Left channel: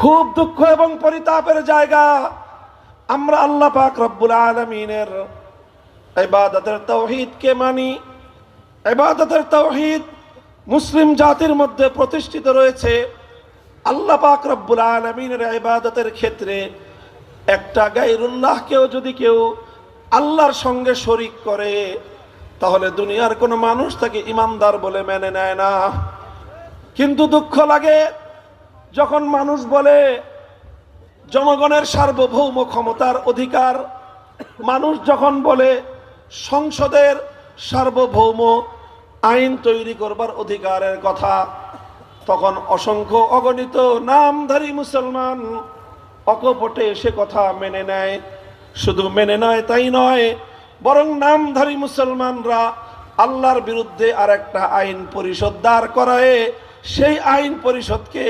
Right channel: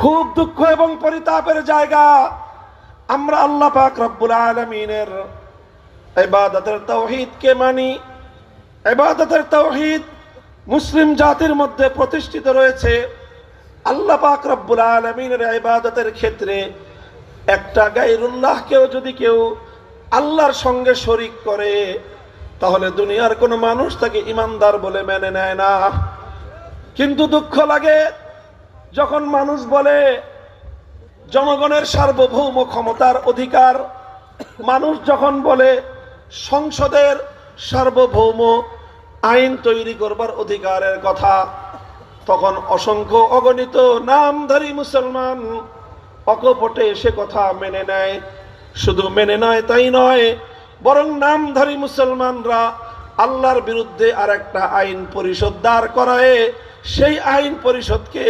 খুব দুঃখ এবং পরিতাপের জায়গা। আমরা আল্লাহ পাক রব্বুল আলামিনের ইবাদতের তাওহীদকে মানি। ইবাদতের তাওহীদ মুসলিম জাতির মধ্যে প্রতিষ্ঠিত রয়েছে। আল্লাহ পাক রব্বুল আলামিনের ইবাদতের ক্ষেত্রে একটা গায়রুল্লাহকেও যদি কেউ আল্লাহর সঙ্গে শরীক করে, তাহলে দুনিয়ার কোনো মানুষ তাকে ইমানদার বলে মেনে নেয় না। কিন্তু দুঃখ লাগে যখন মানুষ বলে জনগণের সার্বভৌম ক্ষমতার অধিকার, মানুষ যখন বলে সংসদের সার্বভৌম আইন তৈরি করবার অধিকারের কথা, তখন অসংখ্য অগণিত নামধারী মুসলমান অকপটে সে কথা মেনে নেয়। শুধু মেনে নয় তাই নয়, বরং নামধারী মুসলমানরা আল্লাহর বিরুদ্ধে আর একটা আইন পরিষদ দাঁড় করায় সেই আইন পরিষদকে